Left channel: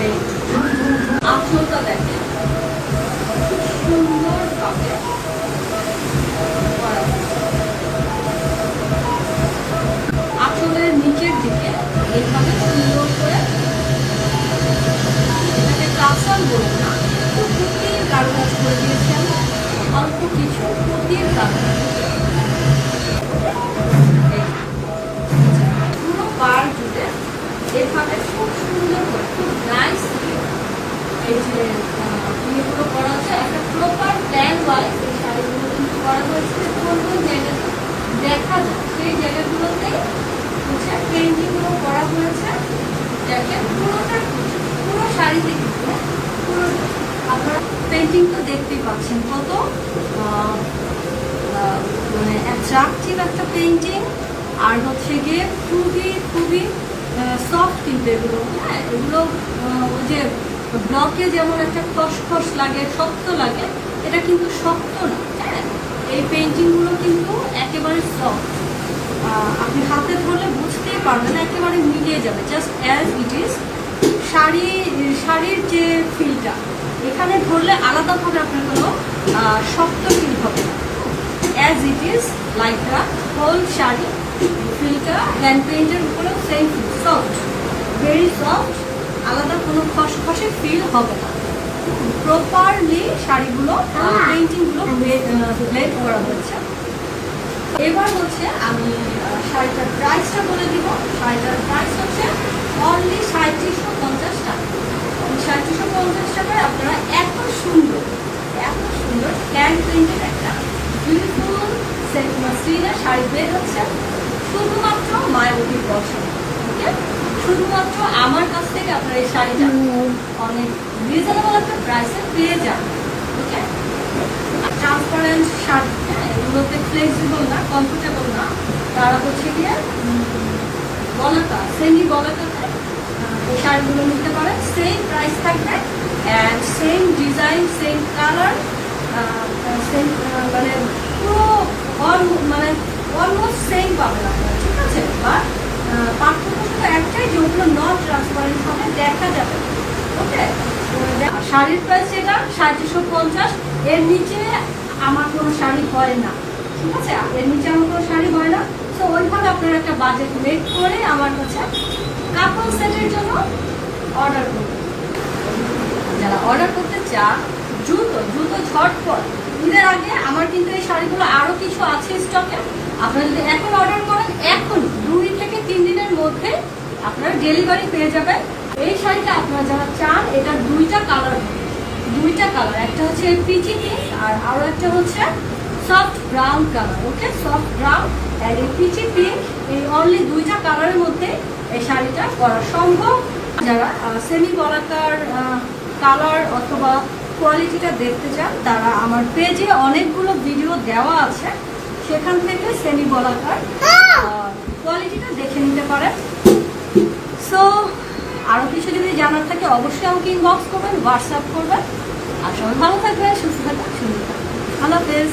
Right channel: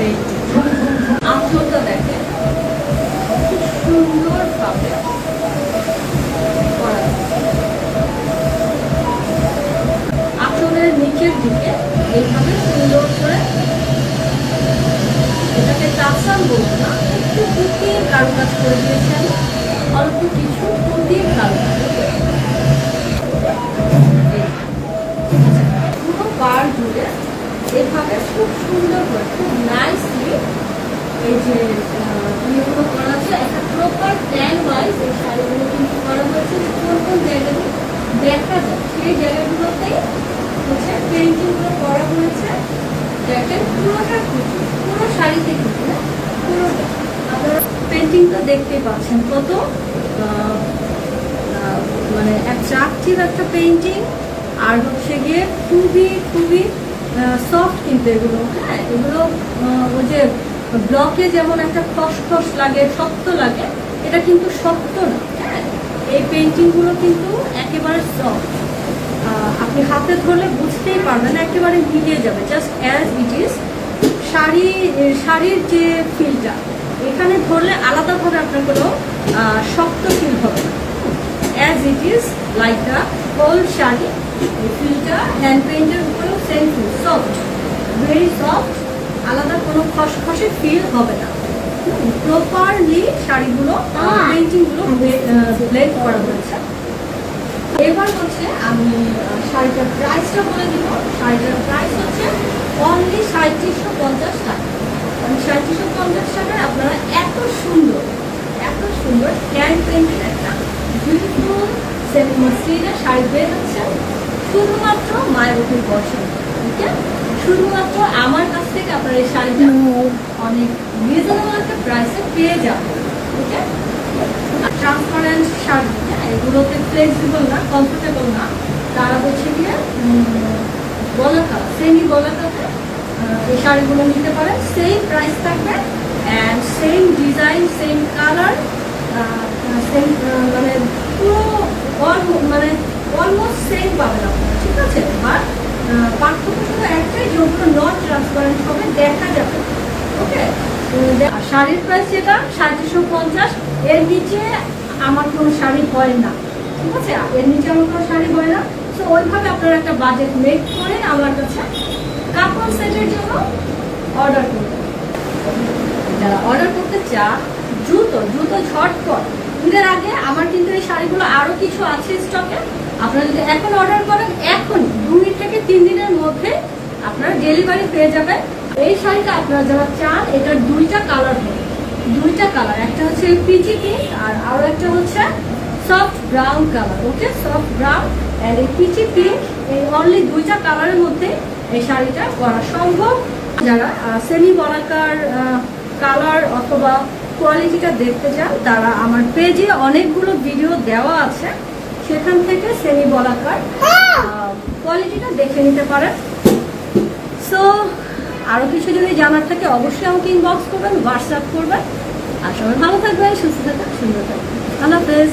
আত্মতা দেখে খুব সুন্দর করে এটাকে না একটু ফুটিয়ে কারও কাজ করে দিয়েছেন অল্প কিছু ফুটিয়ে কারও পুরো পার জুড়ে এভাবে খুব সুন্দর করে এই যে আহ, করা আছে একটা প্রপার প্ল্যান ওয়াইজ এই শাড়িগুলো কিন্তু করা হয়েছে। কোন কোন জায়গাতে দেখা যায় সেই জায়গাগুলোতে হচ্ছে পেন্টিংগুলো করা হয়েছে। দেখেন পুরোটা পুরো শাড়িতে কিন্তু পুরোটা আপনারা পেন্টিং তো দেখতেই পাচ্ছেন কত মানে অ্যাট্রাকটিভ একটা পেন্টিং আর হচ্ছে গিয়ে খুবই খুবই সফট কিন্তু এগুলো হ্যাঁ? এগুলো ওই যে ব্লকে যেমন একটা খসখস লাগে, শক্ত লাগে, এটা কিন্তু শক্ত না হ্যাঁ? এই পেন্টিংগুলো কিন্তু একেবারে সফট আপনি হাতে ধরলে বুঝতেই পারবেন, একেবারে মিলিয়ে যাবে just as it is sari, শাড়ির যে ফিলটা এখানে ধরলে আলাদাভাবে আপনার কোনো শক্ত ফিল হবে না। As it is like the whole sari ফিলটা হ্যান্ড পেন্টের উপরে সেম সফট ভেরি সফট আলাদা কোনো খসখসে ফিল হবে না। প্রপারলি শাড়িগুলো পেন্টিংগুলো ব্লেড করা হয়েছে। এবার হচ্ছে আমি শাড়িটার প্রাইসটা বলে দিব। শাড়িটার প্রাইস হচ্ছে অনলি সাঁত্রিশশো পঞ্চাশ টাকা। সাঁত্রিশশো পঞ্চাশ টাকায় আপনারা এত সুন্দর এত সুন্দর ক্যান প্রিন্টের একটা বিউটিফুল সেট মাসলিনের শাড়ি পেয়ে যাচ্ছে শুধুমাত্র মায়ের উপর বছর ওকে শুধুমাত্র আমার কাছ থেকে আপনারা এই শাড়িটা অনেক রিজনেবল একটা প্রাইসে পেয়ে যাবেন ওকে ট্রান্সপারেন্ট শাড়ি হ্যাঁ, এগুলোতে ফ্লেক্সিবল না কমফোর্টেবল না। তারা হচ্ছে গিয়ে বলাকা সেমি বলাকাতে এই শাড়িগুলো নিতে পারে। সেম প্রাইস থাকবে and same design same colour same মানে পুরো মানে অলমোস্ট সেম পাবেন আপনারা ঠিক আছে? বাট পার্থক্য শুধু একটাই যে ওগুলো নট ট্রান্সপারেন্ট হবে দেখা যাবে ওকে শাড়ির প্রাইস এটা সাতশো পঞ্চাশ। এর নিচে আমার কোনো শাড়ি হয় না। ঠিক আছে? এর নিচে আমার কোনো শাড়ি হয় না। তো ওইভাবে আপনারা একটা বাজেট মেক করে আমার কাছে কাপড় সেটের জন্য অর্ডার করবেন যারা অর্ডার করতে চান, দ্রুত দ্রুত ঝটপট। ঈদের আগে আমার কিন্তু এই শাড়িগুলো আরও কিছু আছে স্টকে আপনারা যদি এখন অর্ডার করেন এখন দুই থেকে তিন দিনের মধ্যে আপনারা ডেলিভারি পেয়ে যাবেন। এই শাড়িটা আপনারা যারা চান এটা দুইটা কালার দুইটা কালার একটা হচ্ছে পিচি পিঙ্ক আর আরও একটা হচ্ছে soft brown colour okay soft brown আর এই পিচি পিঙ্ক, এই অনলি দুইটা কালারের মধ্যে এই শাড়িটা করা সম্ভব। যারা সেমি বলাকার কালার অথবা কোয়ালিটিটা দেখতে চান, তারা আমার পেজে অনেকগুলো ভিডিও দেওয়া আছে। সেখান থেকে সেমি বলাকার কোয়ালিটিটা দেখে নিতে পারেন। সো আরও কিছু যদি জানার থাকে, অবশ্যই আমাকে ইনবক্স করবেন হোয়াটসঅ্যাপ করবেন। আর সবাই ভালো থাকবেন, সুস্থ থাকবেন, সুন্দর থাকবেন। আল্লাহ হাফেজ।